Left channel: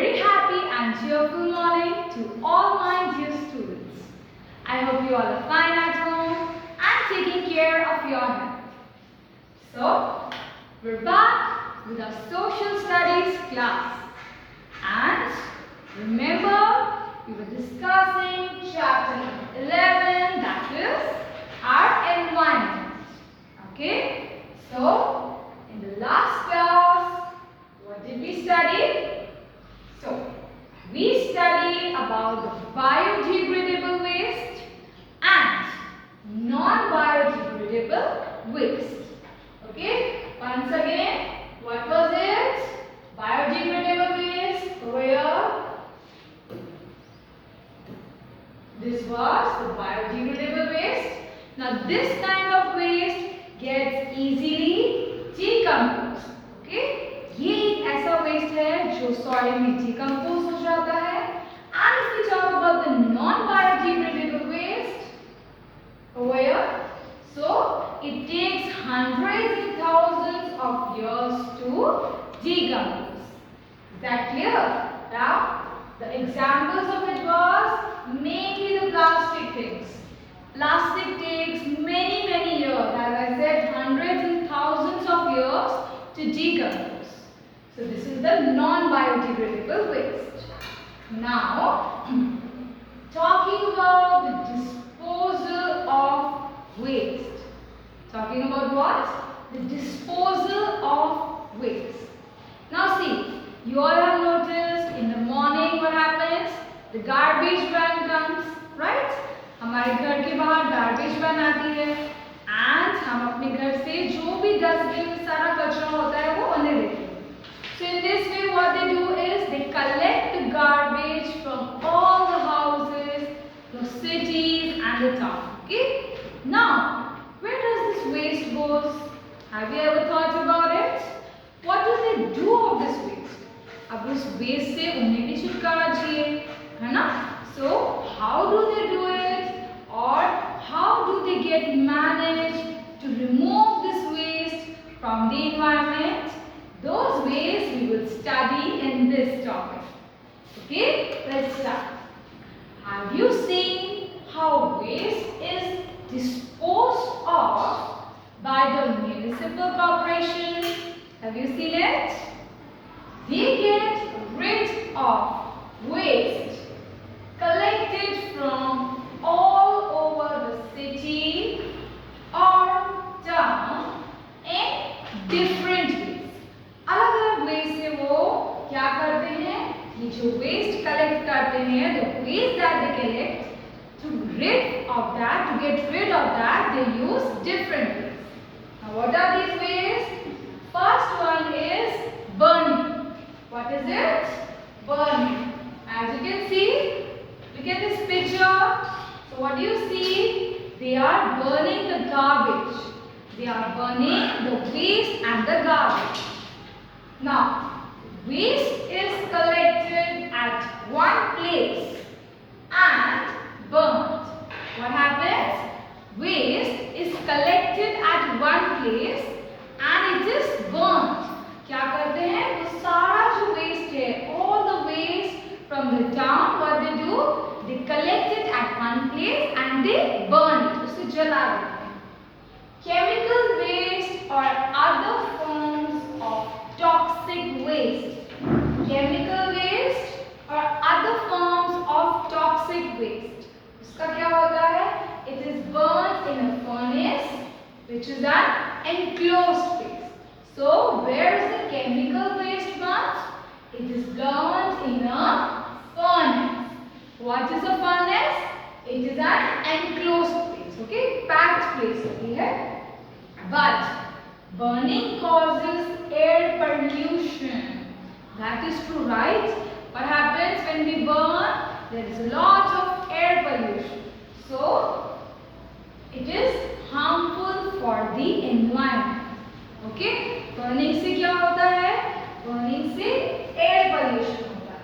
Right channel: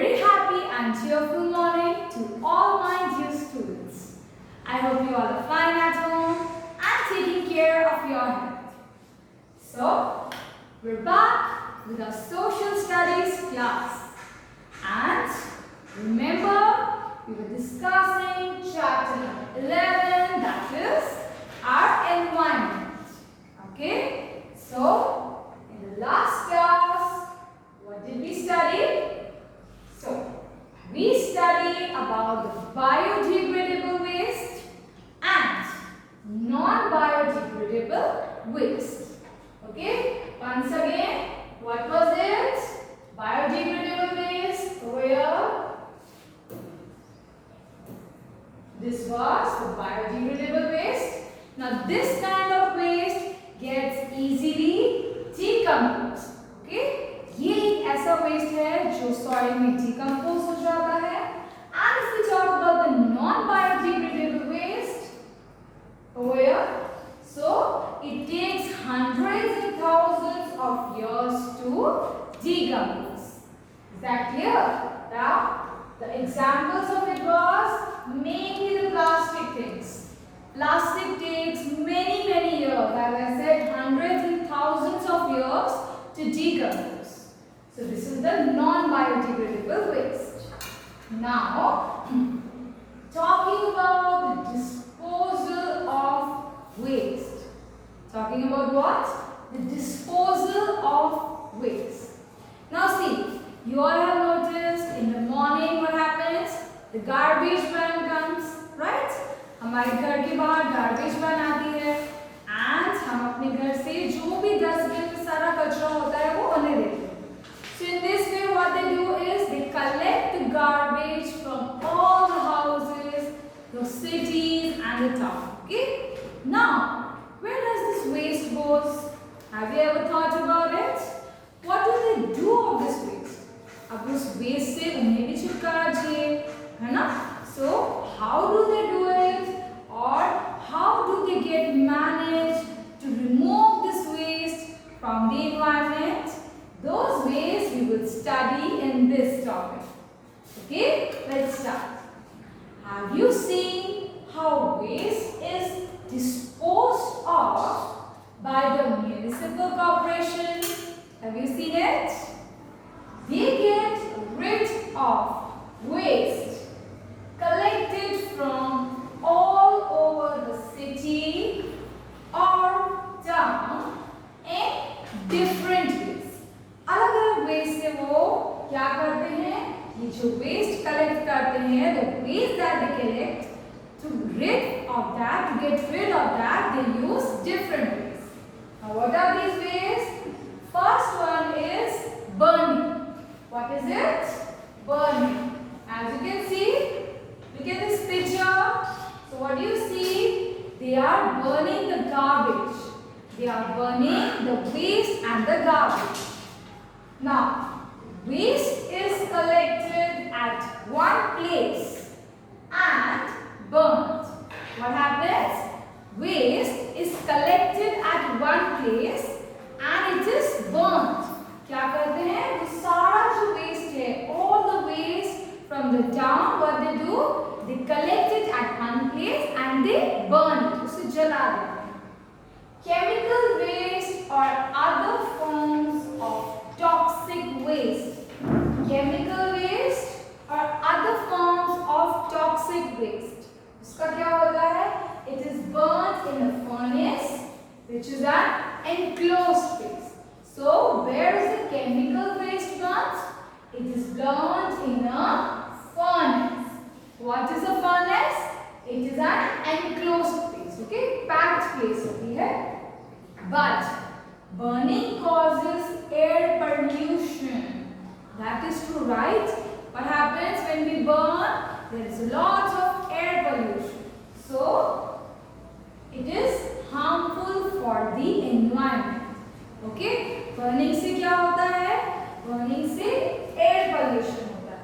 very happy and cheerful morning to all my dear students. I hope you all are fine at home and taking care of your health. So, we're back with our social studies class. And remember, we were discussing chapter number 11, that is our environment. Okay? So, in the last class, what did we study? So, we studied about the biodegradable waste and non-biodegradable waste. Okay? Once again, what was it? Biodegradable waste over here. This was the biodegradable waste. Now, this kind of waste gets easily decomposed. Okay? ये एक ऐसा waste है जो soil में decompose हो जाता है. And if we talk about the non-biodegradable waste over here, so it takes hundreds and thousands of years to decompose. Is that clear? Now, the examples of it was mainly the plastic things. Plastic takes many years, as I said, hundreds and thousands of years to decompose. So this is the non-biodegradable waste. Now, talking about the disposal of waste. Talking about what? The disposal of waste. Now see, you all have noticed in the morning what happens? The garbage van comes, right? हमारे घर के बाहर garbage van आती है and हम अपने घर से जो भी डस्टबिन में सारा कचरा होता है वो उन्हें देते हैं. So in this way what they do is they collect the garbage from all the houses, the cities and the town. Okay? Now, where does this waste goes? Have you ever thought about it? What do they do of this waste? अब उस waste से उन्हें भी छुटकारा चाहिए, है ना? So how do they do it? Or how do they get managed to remove this waste from the environment? Those ways we will study in this topic. Okay, let's start. Have you seen how waste is disposed of by the municipal corporation? Have you seen it? They get rid of waste collected from all over the city or town in different ways. अलग अलग waste से वो क्या करते हैं? ये जो waste collect करते हैं, the waste that they collect, to get rid of that, they use different ways. Now, what are these ways? First one is burning. What is it? Burning. As you can see, look at this picture. So, what do you see? They are burning the garbage. They are burning the waste and the garbage. Now, waste is collected at one place and burnt. What happens? Waste is collected at one place and it is burnt. क्या करते हैं? वो सारा जो waste है, all the waste from the town, what they do? They collect it at one place and they burn it. उसे जला देते हैं. Chemical waste or other forms of toxic waste. Chemical waste or other forms of toxic waste. उसका क्या होता है? It is burnt in a furnace, which is an enclosed space. So, where is the chemical waste burnt? It is burnt in a furnace. What is a furnace? It is an enclosed place. Okay, packed place होती है. But burning causes air pollution. That is true, right? What happens when we burn? There is a lot of air pollution. So, it is harmful for the environment. Okay? Burning से क्या होता है? Burning से air pollution होता है.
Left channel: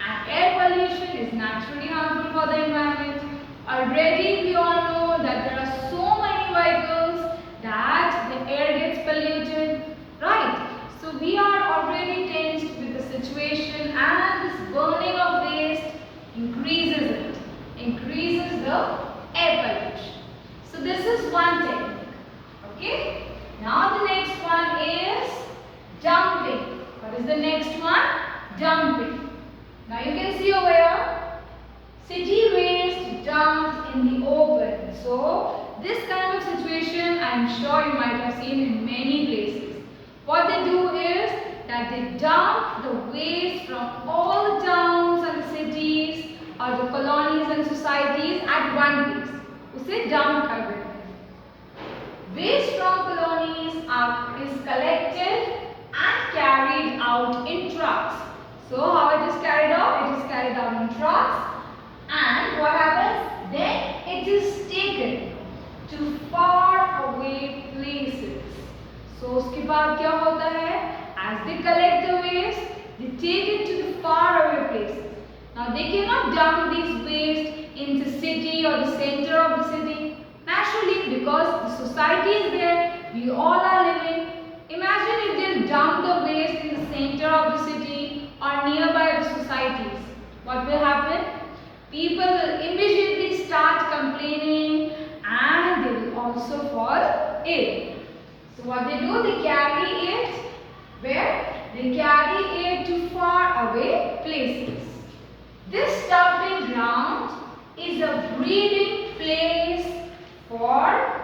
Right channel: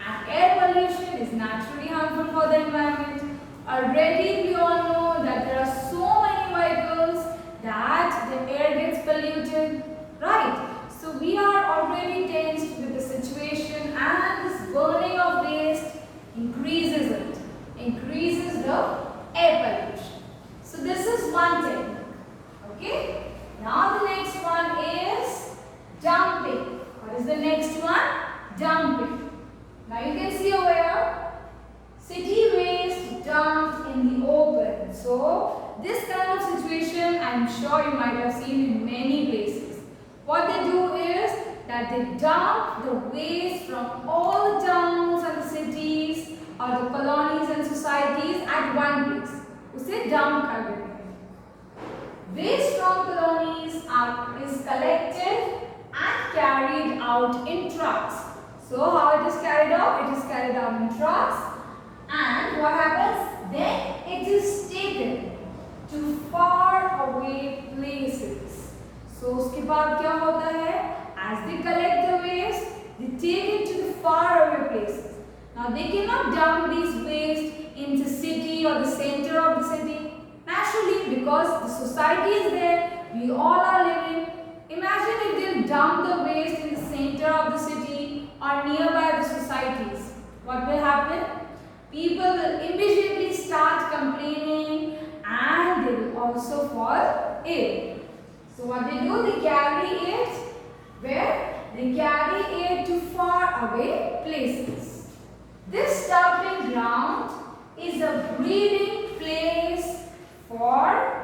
And air pollution is naturally harmful for the environment. Already we all know that there are so many vehicles that the air gets polluted, right? So we are already tensed with the situation and this Now you can see over here, city waste dumped in the open. So this kind of situation I am sure you might have seen in many places. What they do is that they dump the waste from all the towns and the cities or the colonies and societies at one place. उसे dump कर देते हैं. Waste from colonies is collected and carried out in trucks. So how it is carried out? It is carried out in trucks, and what happens? Then it is taken to far away places. So उसके बाद क्या होता है? As they collect the waste, they take it to the far away places. Now they cannot dump these waste in the city or the center of the city. Naturally, because the society is there, we all are living. Imagine if they dump the waste in the center of the city or nearby the societies. What will happen? People will immediately start complaining and they will also fall ill. So what they do? They carry it where? They carry it to far away places. This dumping ground is a breeding place for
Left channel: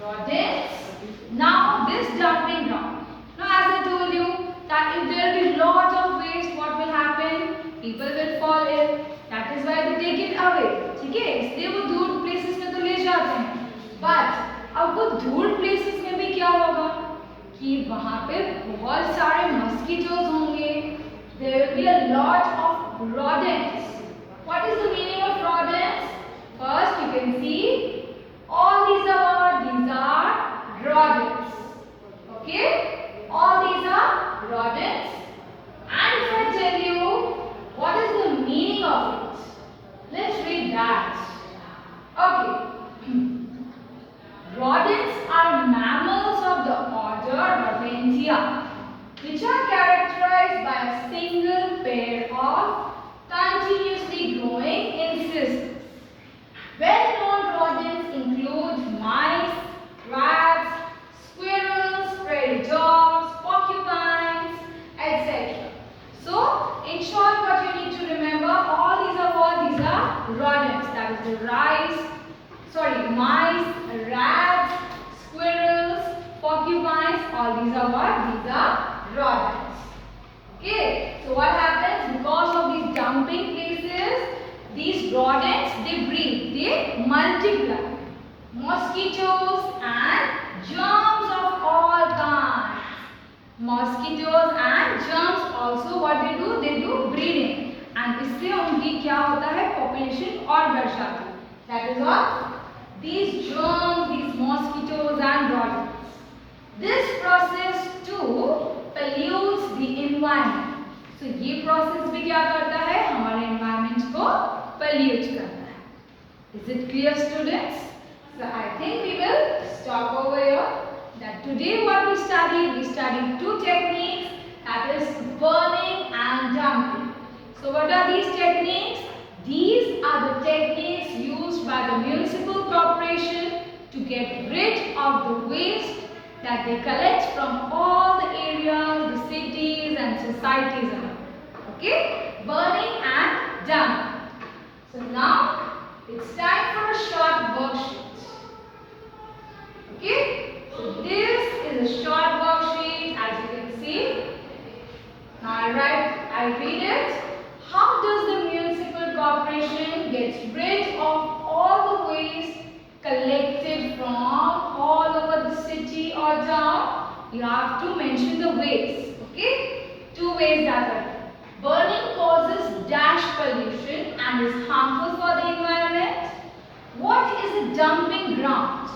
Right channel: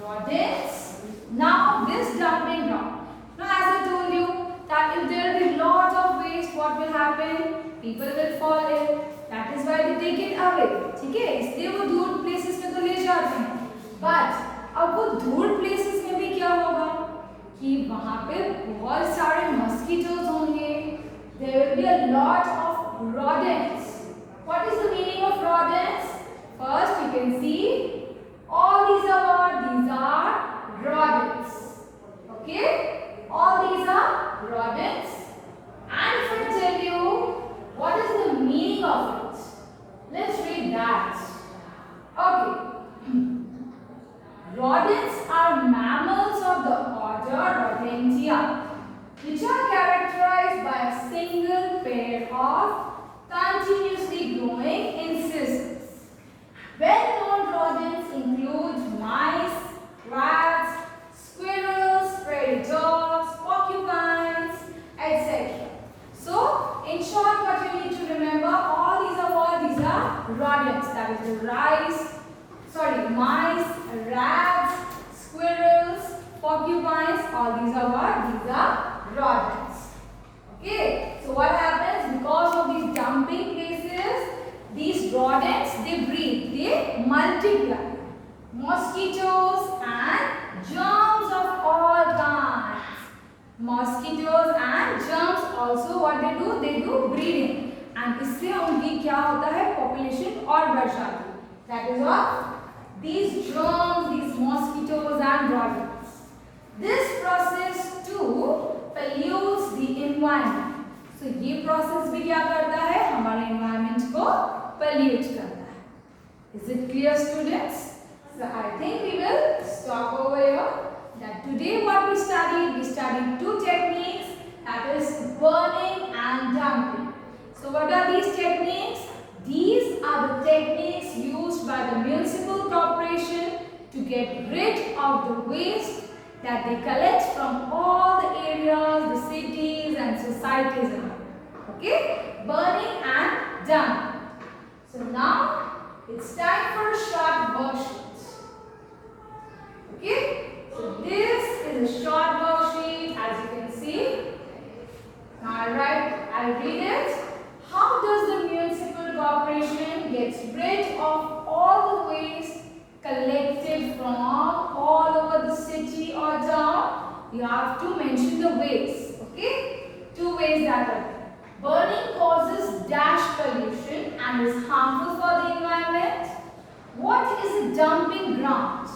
rodents. Now this dumping ground. Now as I told you that if there will be lot of waste, what will happen? People will fall ill. That is why they take it away. ठीक है? इसलिए वो दूर places में तो ले जाते हैं. But अब वो दूर places में भी क्या होगा? कि वहाँ पे बहुत सारे mosquitoes होंगे. There will be a lot of rodents. What is the meaning of rodents? First, you can see all these are what? These are rodents. Okay? All these are rodents. And if I tell you what is the meaning of it, let's read that. Okay. Rodents are mammals of the order Rodentia, which are characterized by a single pair of continuously growing incisors. Well-known rodents include mice, rats, squirrels, prairie dogs, porcupines, etc. So, in short, what you need to remember, all these are what? These are rodents. That is the mice, rats, squirrels, porcupines. All these are what? These are rodents. Okay. So what happens? Because of these dumping places, these rodents, they breed, they multiply. Mosquitoes and germs of all kinds. Mosquitoes and germs also what they do? They do breeding. And इससे उनकी क्या होता है? Population और बढ़ जाती है. That is what? These germs, these mosquitoes and rodents. This process too pollutes the environment. So ये process भी क्या करता है? हमारे environment को pollute करता है. Is it clear, students? So I think we will stop over here. That today what we studied two techniques, that is burning and dumping. So what are these techniques? These are the techniques used by the municipal corporation to get rid of the waste that they collect from all the areas, the cities and societies around. Okay? Burning and dumping. So now it's time for a short worksheet. Okay? So this is a short worksheet as you can see. Now I read it. How does the municipal corporation get rid of all the waste collected from all over the city or town? You have to mention the waste. Okay? Two ways that are there. Burning causes dash pollution and is harmful for the environment. What is a dumping ground?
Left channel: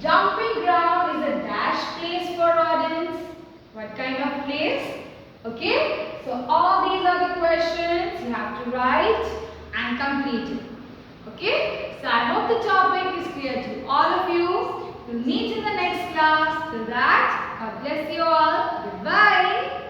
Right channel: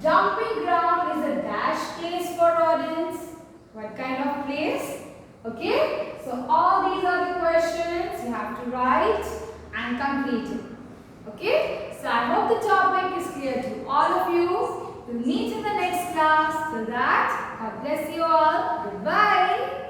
Dumping ground is a dash place for rodents. What kind of place? Okay, so all these are the questions you have to write and complete it. Okay, so I hope the topic is clear to all of you. We'll meet in the next class. Till that, God bless you all. Goodbye.